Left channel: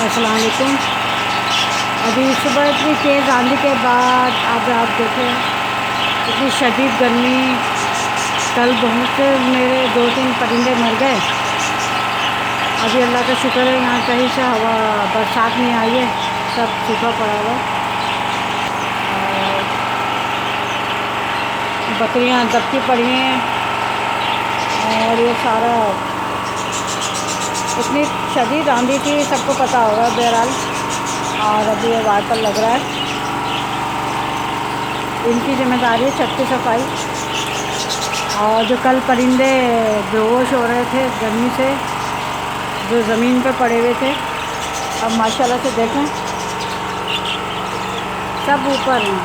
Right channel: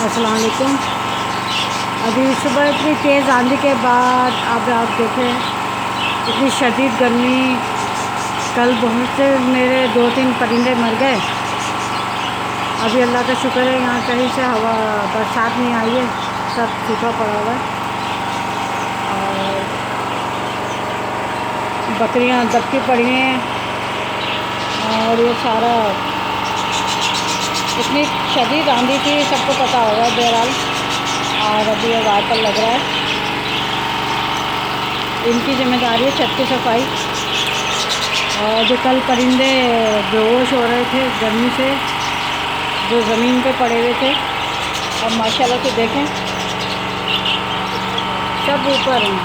अस्सलाम वालेकुम। अभी सुबह इतनी तेज़ आंधी के बाद अब आप देखें इतनी शदीद गर्मी। कल बहुत से मेरे 2-3 परिंदे मर गए। अभी अल्लाह का शुक्र है यहाँ कहीं से हवा बरसात नहीं आई है, सब सूखा पड़ा हुआ है। और बकरियाँ दबकी पड़ी हैं और ये सारा इतनी शदीद आंधी थी, सबको पता होगा बहरहाल। और अभी ये वाइपर लग रहा है, इनकी जिम्मेदारी है छत की सफाई। और जो कल परिंदे बेहोश हो रहे थे गर्मी से, जो ज़मीन पे पड़े हुए थे, अब माशाल्लाह से देखें सब ऊपर हैं,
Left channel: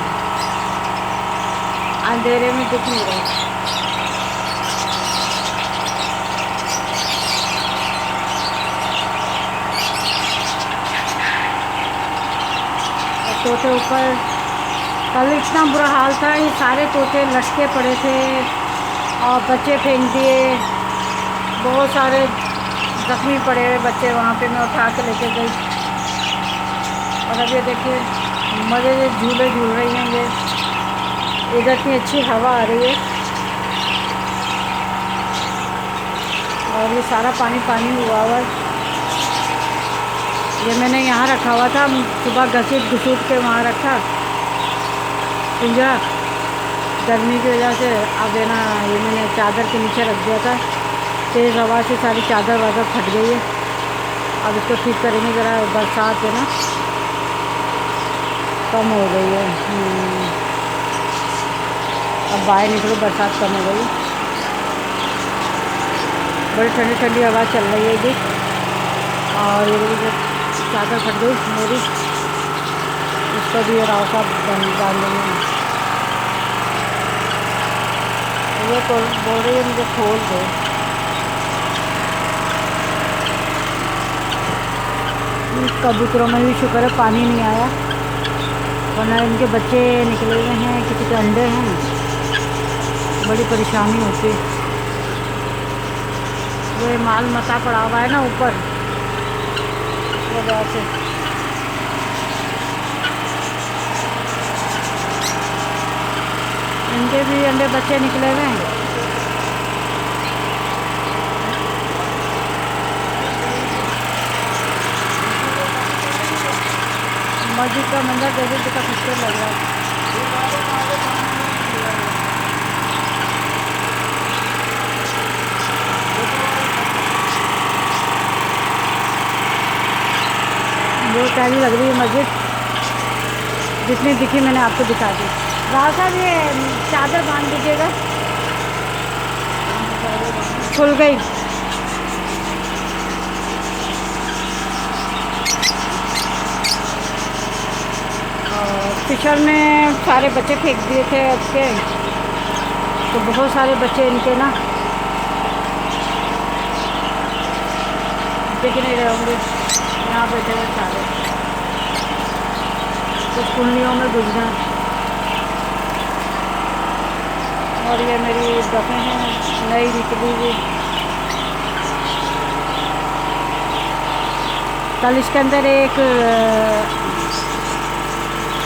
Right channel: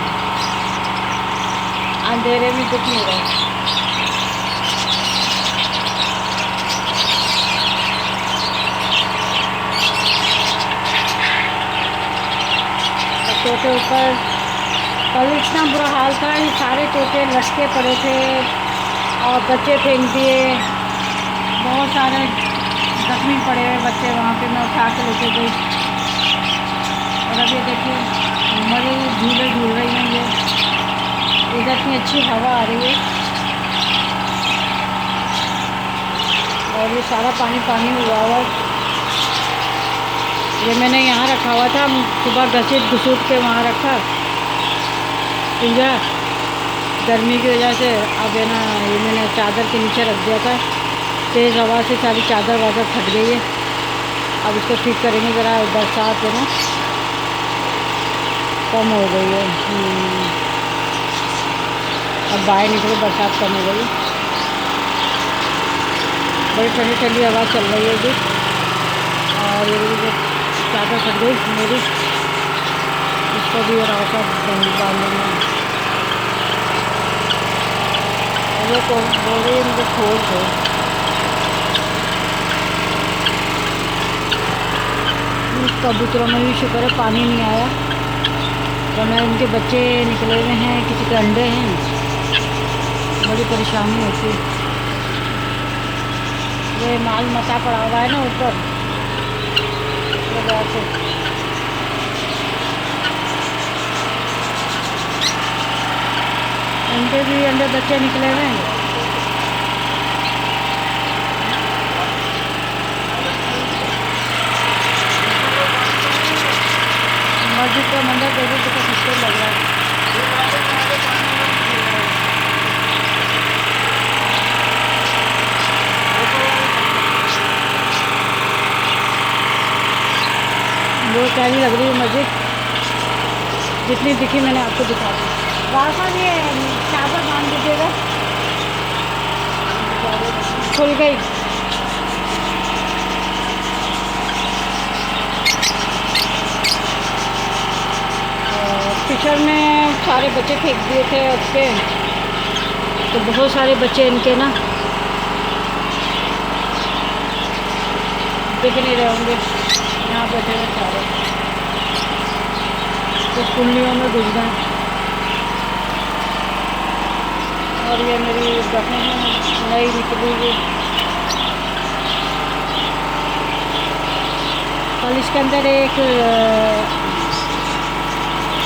अंधेरे में दिख नहीं रहे। तोते ऊपर, कल इतना बुरा हाल था, ये सारे तोते लटके पड़े थे और बच्चे फेंक दिए। बहुत सारे जख्मी पड़े हुए बच्चे वहाँ पे मैं उठा के लेके गई। और अब ये देखिए मज़े से झूले झूल रही हैं ये, इधर इतनी अच्छी हवा आ रही है और ये सारा पानी पानी हुआ हुआ है। ये मैंने यहाँ रखा हुआ था, सुबह घसीट घुसूट के वहाँ रखा पिंजरा, गर्मी की वजह से। अब है ना, ये मैंने चादर के नीचे रख दिया था, तेज़ हवा से सारी चादर वादर फट गई है। अब इसको ठीक करेंगे, ज़रा बरसात है ना कम हो गई है। अब बाहर निकलो, बरसात कम हो गई, बड़ी ठंडी ठंडी हवा चल रही है जी। और ये चादर फट गई मेरी, इसको भी ये राव साहब बांधेंगे। ये बोल रही है मुझे खोल दो। कबूतरों में भी शुक्र है पानी नहीं आया, वरना इनके बच्चे निकले हुए हैं, किसी के अंडे हैं, बड़ी परेशानी होती है। वो माल मता पड़ा हुआ है ना ऊपर, वजह से। इनके भी अंडे बच्चे निकले हुए हैं। मस्जिद का मंदिर देखिए कितना खूबसूरत लग रहा है। बहुत प्यारी लग रही है मस्जिद, जितनी दिखी मैंने आपको दिखा दी। राव साहब ये चादर बांध दीजिएगा, खुल गई। और पिछड़ में सारे बच्चे फेंक दिए थे उसके, तो बहुत सारे बच्चे इनके ना दिख नहीं रहे होंगे, यहाँ बैठे हुए सारे कुछ कुंडलियों में घुस गए। और ये मेरी दफ़े हैं नई निकली हुई, कल इसके अंदर एक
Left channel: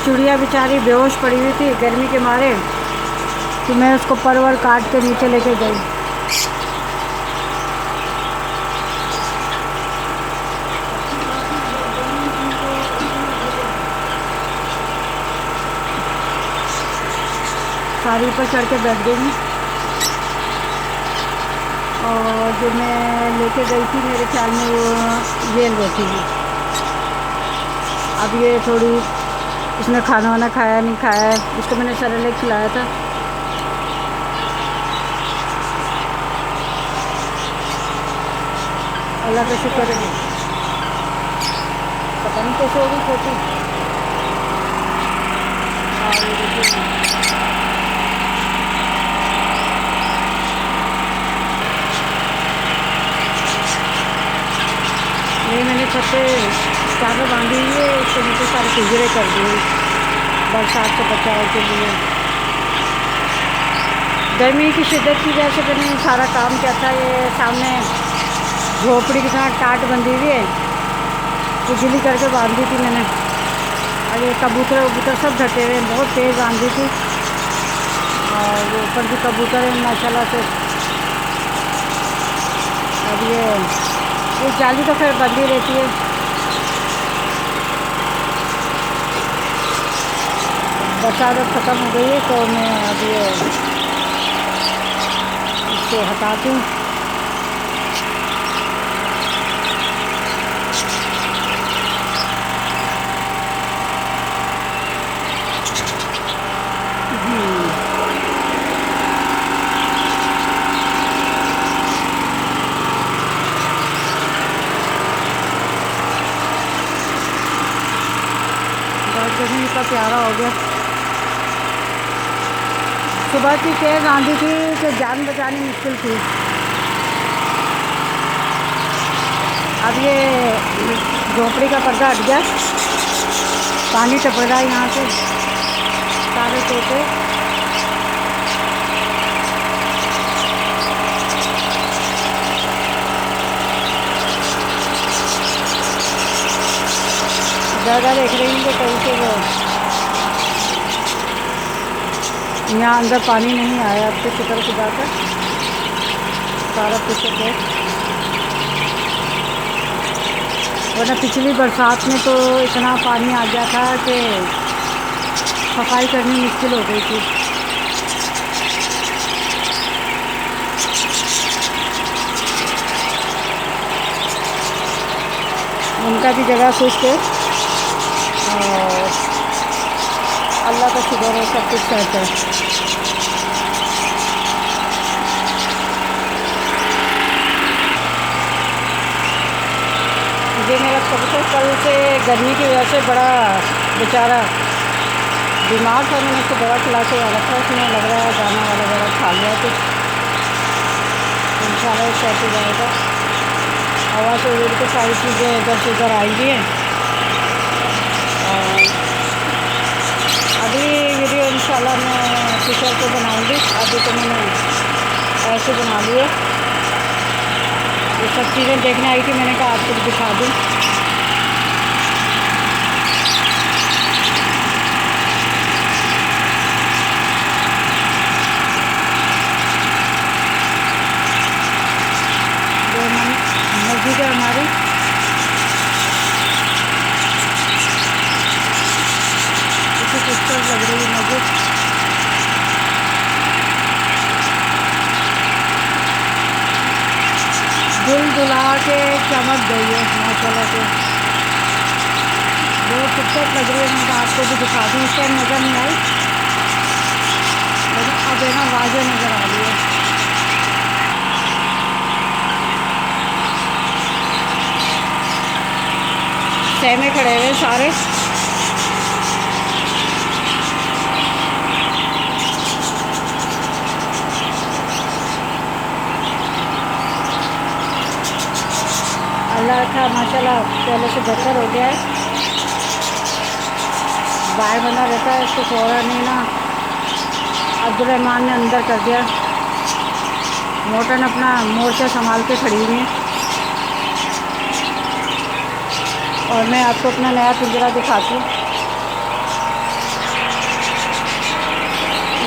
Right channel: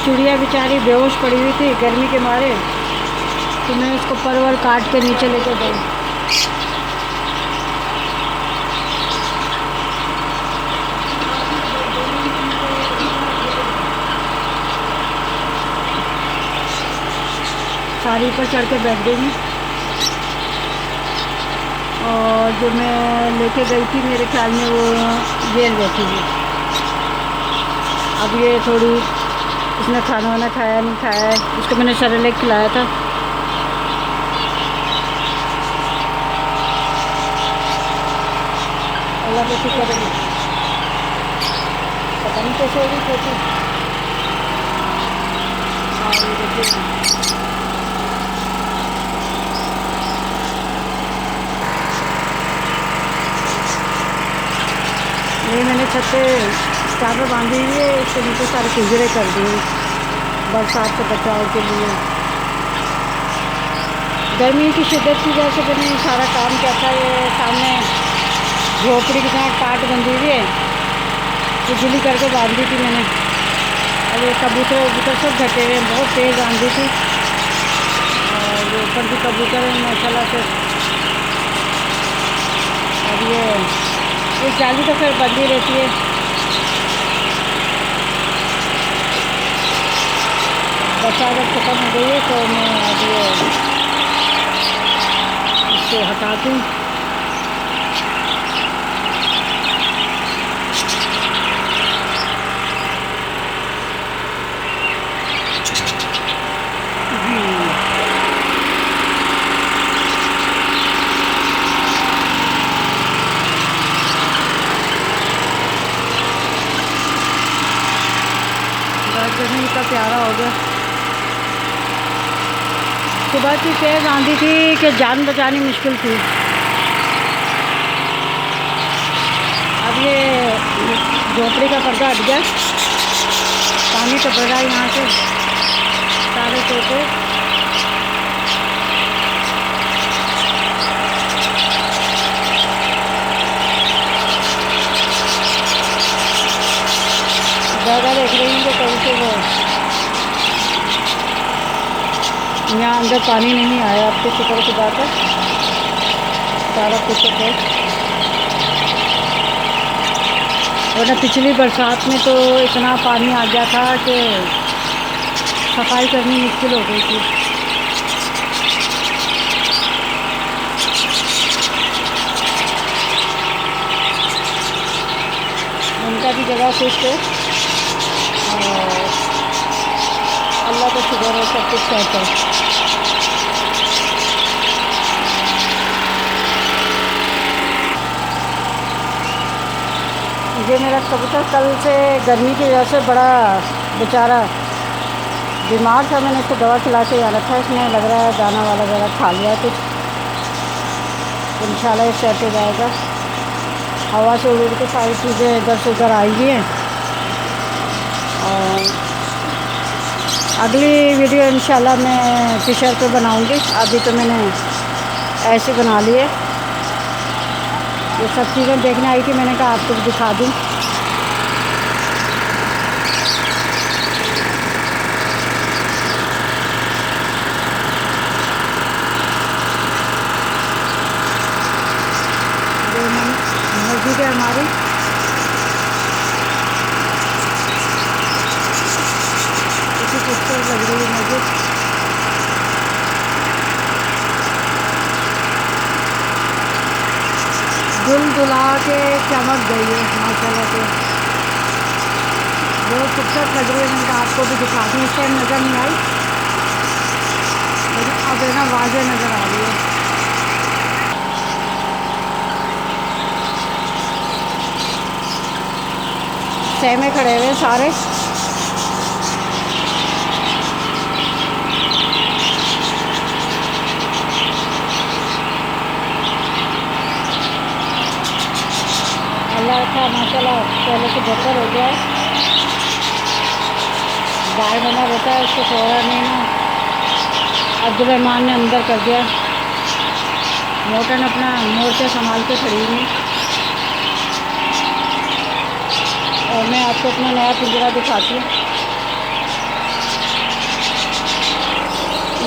चिड़िया बेचारी बेहोश पड़ी हुई थी गर्मी के मारे, तो मैं उसको परवर काट के नीचे लेके गई। सारी ऊपर चढ़ के बैठ गई हैं। और जो मैं लेके गई थी मेरे ख्याल में वो जेल बैठी थी। अब ये थोड़ी, इसने खाना वाना खाया नहीं खाया है, इसको मैंने सेरेलैक खिलाया था। अल्लाह का शुक्र है, पता नहीं कैसे होगी छोटी। और ये देखिए ये मैंने छत पे चादर बांधी हुई है, इसके नीचे सारे पिंजरे कर दिए बरसात से बचाव के लिए। गर्मी की शिद्दत की वजह से मैंने सारा काम किया था। ये सामने झोपड़ी के साथ टाट बंधी हुई है, उजली करके बांधी थी मैंने। और ये कबूतर वबूतर सब ढके हुए हैं, बहुत तेज़ बांधी थी। और वो ऊपर भी कबूतर है माशाल्लाह से। और ये जाली तो फिर बंदी रहती है। बरसात अब ख़त्म हो गई है तो मैं अब ये इसको हटाती हूँ। जमीन इतना प्यारा हो गया। सुबह की तेज़ आंधी थी कि जान बचानी मुश्किल थी। अब ये झोपड़ी का पर्दा हट गया, पानी टपक रहा है यहाँ से। सारे तोते जगह देख रही हूँ कि कहीं से वो यहाँ अंदर पानी नहीं आया। अब तो शुक्र खुदा का सारा कुछ है। वरना पिछली बरसात में तो इतना पानी आ गया था कि सफाई करनी मुश्किल हो गई थी। उनका भी जगह खुश्क है और अल्लाह का शुक्र है, सब कुछ सेट है। ये मेरा कबूतर कल से गर्मी की वजह से बड़ा बेचारा बीमार था। मैंने इसको दवा खिला के यहाँ रखा है। इसमें लग रहा है दाना वाला ज़रा खा लिया है कुछ, इंशाल्लाह सेट हो जाएगा। हवा से उड़ के सारी चीज़ें इधर से उधर आई हुई हैं। और अगली वीडियो इंशाल्लाह मैं फ़िशर पे बनाऊंगी। अभी तो मैंने ऐसे बना लिए। ये सब चीज़ें देखने आई थी, मैंने कहा आपको भी दिखा दूँ। ये मस्जिद है हमारी। इतनी खूबसूरत लग रही है मस्जिद। दुल दुला के चमक गई है माशाल्लाह से, बहुत खूबसूरत लग रही है। मैंने कहा आपको भी दिखा दूँ। उस टाइम नज़र नहीं आई लेकिन अब है ना वाज़ेह नज़र आ रही है। सहमे खड़े हुए सारे। अल्लाह का माशाल्लाह पहले से बेहतर हो गया है। बाहर बना रहता है, उसको छोड़ा नहीं ना। अब्दुलरहमान ने अंदर कर दिया। मोटन अपना मोर्चा संभाल के खड़ी हुई। और मैं आपको अपना नया पिंजरा दिखाती हूँ।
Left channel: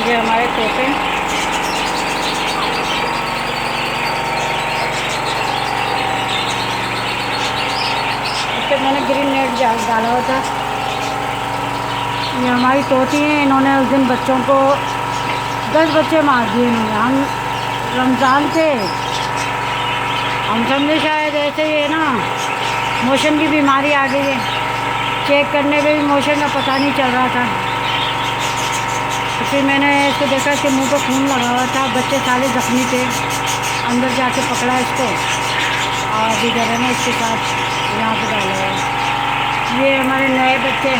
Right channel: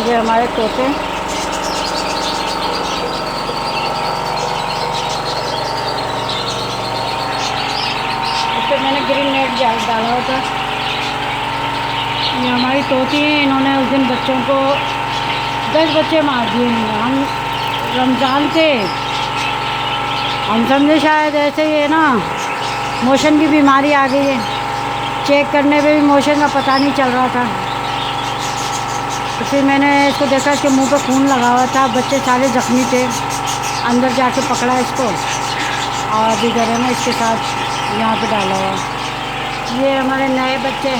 ये हमारे तोते, इस पर मैंने ग्रीन नेट डाला हुआ था। ये हमारी तोती हैं। इन्होंने उस दिन बच्चों को 10 बच्चे मार दिए इन्होंने। हम रमज़ान थे, हम समझे शायद ऐसे ही है ना मोशन की बीमारी आ गई है। चेक करने पे भी मोशन का पता नहीं चल रहा था। तो फिर मैंने इसको देखा कि मुंह पे खून लगा हुआ था। बच्चे सारे ज़ख्मी थे। अंदर जाके पकड़ा इसको और अभी इधर है ना इसके साथ यहाँ पे डाला हुआ है। ये हमारे नए बच्चे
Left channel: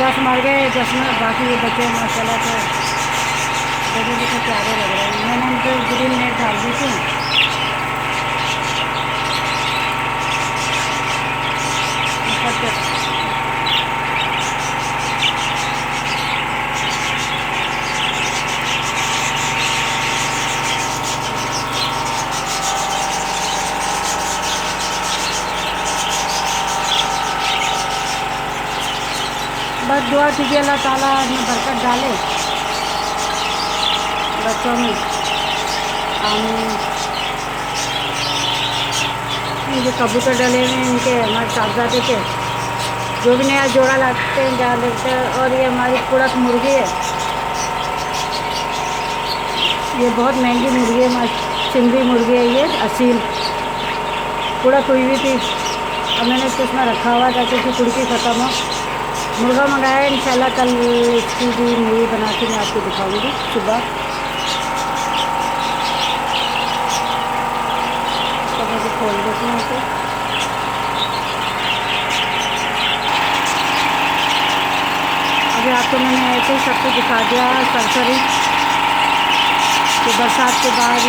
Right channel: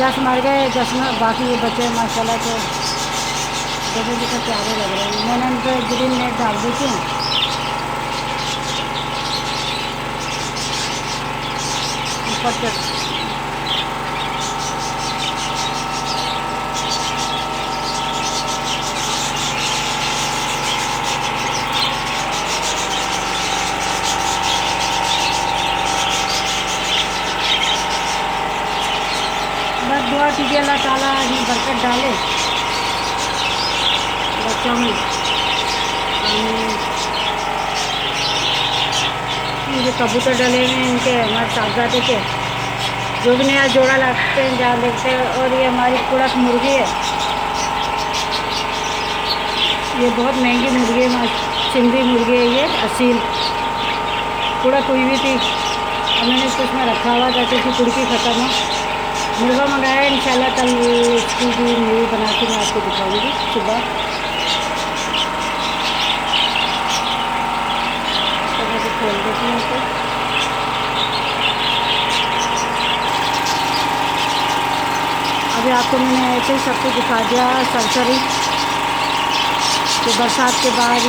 10 मर गए, 10 में बाकी ये बच्चे माशाल्लाह से देखने कितने प्यारे लग रहे हैं। मैंने इन पर ग्रीन नेट डाल दी थी। ऊपर बस दुआ कीजिए अल्लाह ताला इसमें बरकत डाले बच्चों में। आमीन। ये कबूतर डले हुए हैं इनके, हमारे साहबजादे के, जो भी नया जोड़ा लाते हैं जहाँ देखते हैं। और ये हमारी कुड़क मुर्गी है, ये बहुत महंगी मुर्गी है, सिंधी मुर्गी है ये, असील। कुड़क हुई हुई थी और मैंने इसको इसमें रखा हुआ था क्योंकि कुड़की ख़त्म हो। मुर्गा मंगाया है, इंशाल्लाह कल इसकी भी मूवी बना के मैं आपको दिखाऊंगी सुबह। तो मैं भी खोल देती हूँ तो अभी आपको मैंने ऐसे ही सब कुछ दिखा दिया सरसरी कि बरसात के बाद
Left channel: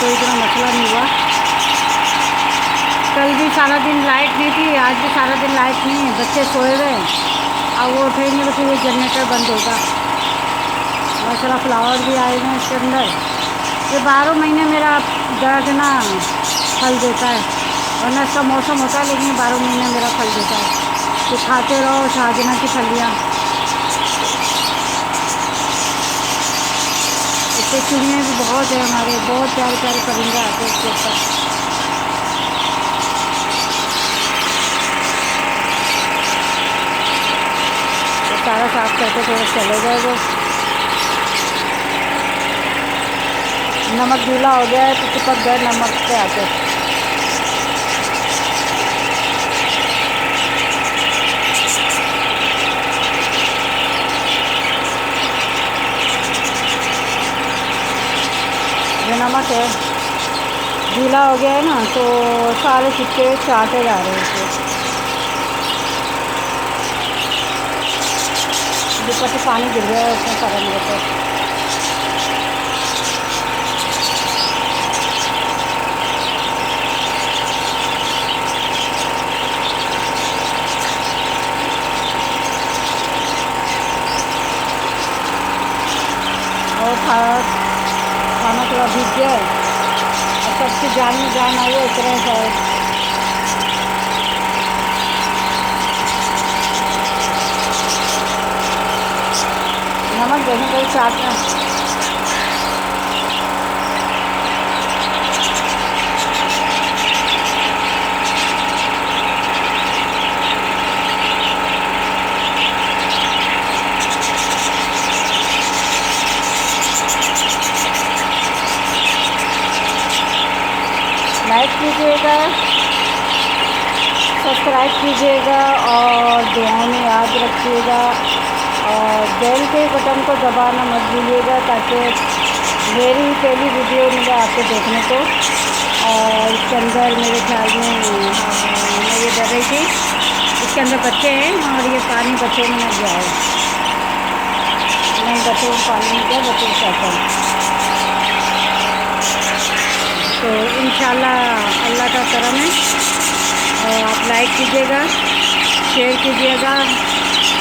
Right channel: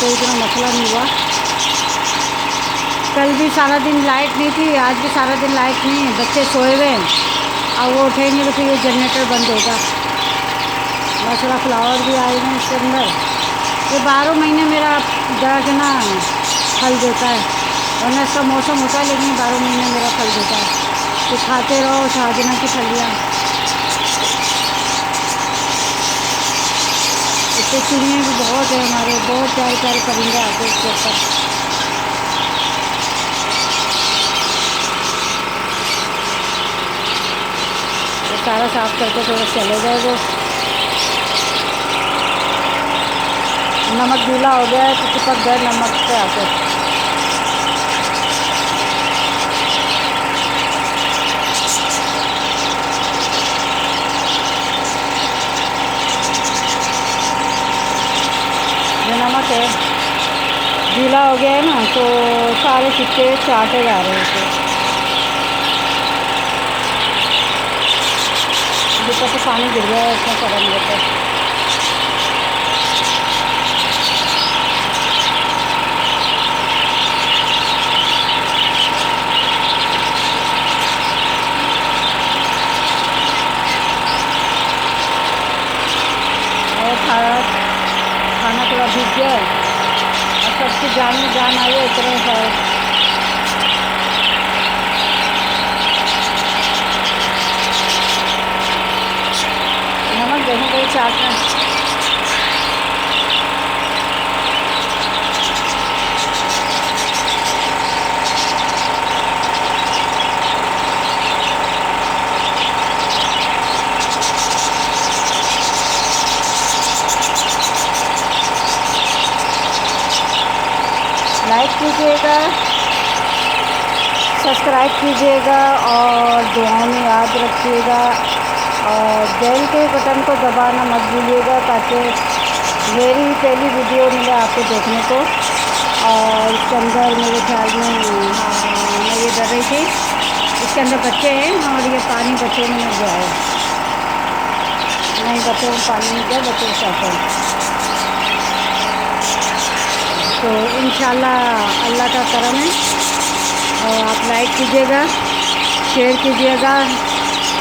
कोई इतना मसला नहीं हुआ। कल भी सारा दिन लाइट नहीं थी, आज भी सारा दिन लाइट नहीं है, बच्चे सोए हुए हैं। अब वो उठेंगे तो फिर ये जनरेटर बंद होगा। माशाल्लाह फ्लावर भी आए हैं इसके अंदर। ये 12 महीने मेरा दर्द ना फल देता है, वरना इसका मौसम होता है, लेकिन 12 महीने मेरा फल देता है। तो खाते रहो शाहजना की फलियाँ। इससे चिड़ियाँ भी बहुत है हमारे, बहुत प्यारे प्यारे परिंदे आते हैं इसके ऊपर। सारा साफ करके थोड़ा चले गए वो। नमक गीला हो गया है तो चिपक गए नमक पे आके। जो नमक है गीला हो गया है ना, तो सारे चिपके चाटे जा रहे हैं इसे। ऊपर से पानी गिर गया है इसमें फरक नहीं होता। और खाना थोड़ा भीग गया है और सबकी जान में जान आई है इतने सारे। नमक जैसे कहीं चाटना। लाइक कीजिएगा, सब्सक्राइब कीजिएगा और दुआओं में याद रखिएगा। और बेल के बटन को दबाना मत भूलिएगा ताकि मेरी पहली वीडियो मिले आपको देखने को। और इसके अंदर मेरे ख्याल में मैं ये डर रही थी, इसके अंदर बच्चे हैं और ये पानी बच्चों में न गया हो। नहीं, बच्चों को पानी नहीं गया, बच्चों को कहते हैं। तो इंशाल्लाह अल्लाह का करम है। और आप लाइक कीजिएगा, शेयर कीजिएगा,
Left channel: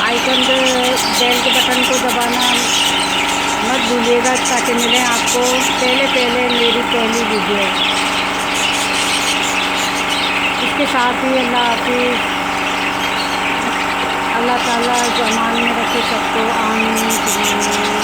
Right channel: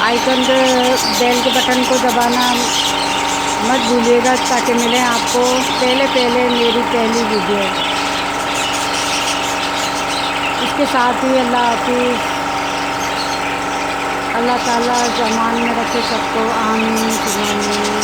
आइकन पे बेल के बटन को दबाना मत भूलिएगा ताकि मिले आपको पहले मेरी पहली वीडियो। इसके साथ ही अल्लाह हाफिज़। अल्लाह ताला ज़मान में रखे सबको। आमीन।